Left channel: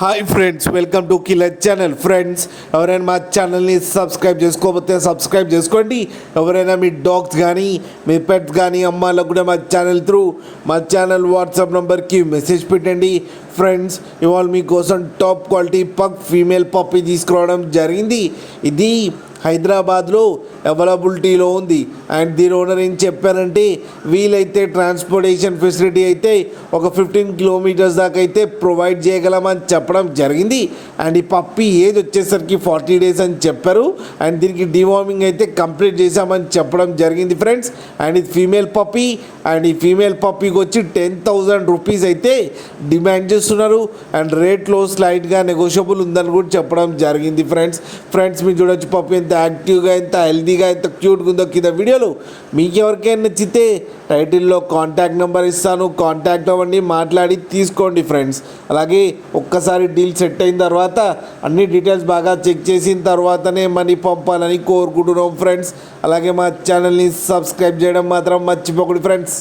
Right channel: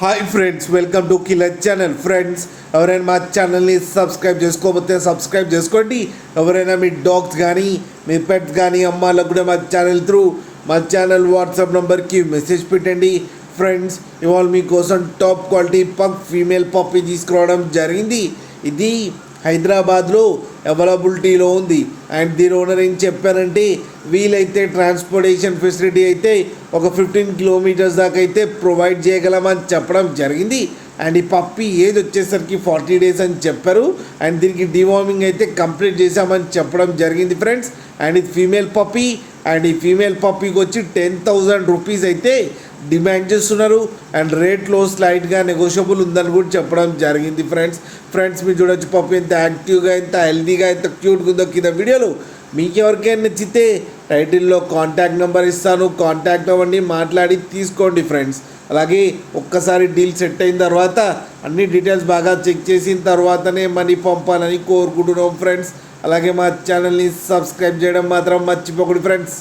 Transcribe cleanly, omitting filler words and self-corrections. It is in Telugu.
Hi friends, welcome to killer channel. Friends, ఎవరైనా మా ఛానల్ని సబ్స్క్రైబ్ చేసుకోకపోతే సబ్స్క్రైబ్ చేసుకోండి. ఎవరైనా మీ డాగ్స్ కానీ మీ పెట్స్ కానీ అమ్మాలకు కూడా మా ఛానల్ వాట్సాప్ నెంబర్కి మెసేజ్ పెట్టండి. ఫ్రెండ్స్, ఇవాళ మీకోసం top quality pug female puppy తీసుకురావడం జరిగింది. ఇది హైదరాబాద్లో అవైలబిలిటీలో ఉంది. అండ్ దీని ఓనర్ ఏం చెప్పారంటే, వీలైతే ట్రాన్స్పోర్టేషన్ ఫెసిలిటీ అయితే ఒక 15 కిలోమీటర్స్ దాకా అయితే ప్రొవైడ్ చేయగలమని చెప్పడం జరిగింది. అండ్ ఈ పప్పీ ఏజ్ వచ్చేసరికి 40 డేస్ అని చెప్పారు. అండ్ దీనికి డివార్మింగ్ అయితే కంప్లీట్ చేశామని చెప్పడం జరిగింది ఫ్రెండ్స్. అండ్ ఇది ఫీమేల్ పప్పీ. అండ్ ఈ ఫీమేల్ పప్పీకి వచ్చి 10,000 రూపీస్ అయితే డిమాండ్ చేస్తున్నారు. అండ్ రేట్లో స్లైట్గా నెగోషియబుల్ ఉందని కూడా చెప్పడం జరిగింది ఫ్రెండ్స్ మీరు చూడొచ్చు పప్పీ ఎంత యాక్టివ్గా, ఎంత హెల్తీగా, ఎంత క్యూట్గా ఉందో కింద వీడియోలో. మీకు ఎవరికైనా నచ్చితే టైటిల్లో కాంటాక్ట్ నెంబర్ ఇస్తాను, కాంటాక్ట్ అవ్వండి, మాట్లాడి తీసుకోండి ఫ్రెండ్స్. అలాగే ఒక్కసారి డీల్ సెట్ అయిన తర్వాత అన్ని డీటెయిల్స్ బాగా చెక్ చేసిన తర్వాతనే మనీ పంపాలని కోరుకుంటున్నాం ఫ్రెండ్స్. అలాగే మా ఛానల్ని సబ్స్క్రైబ్ చేయడం మాత్రం మర్చిపోకండి ఫ్రెండ్స్.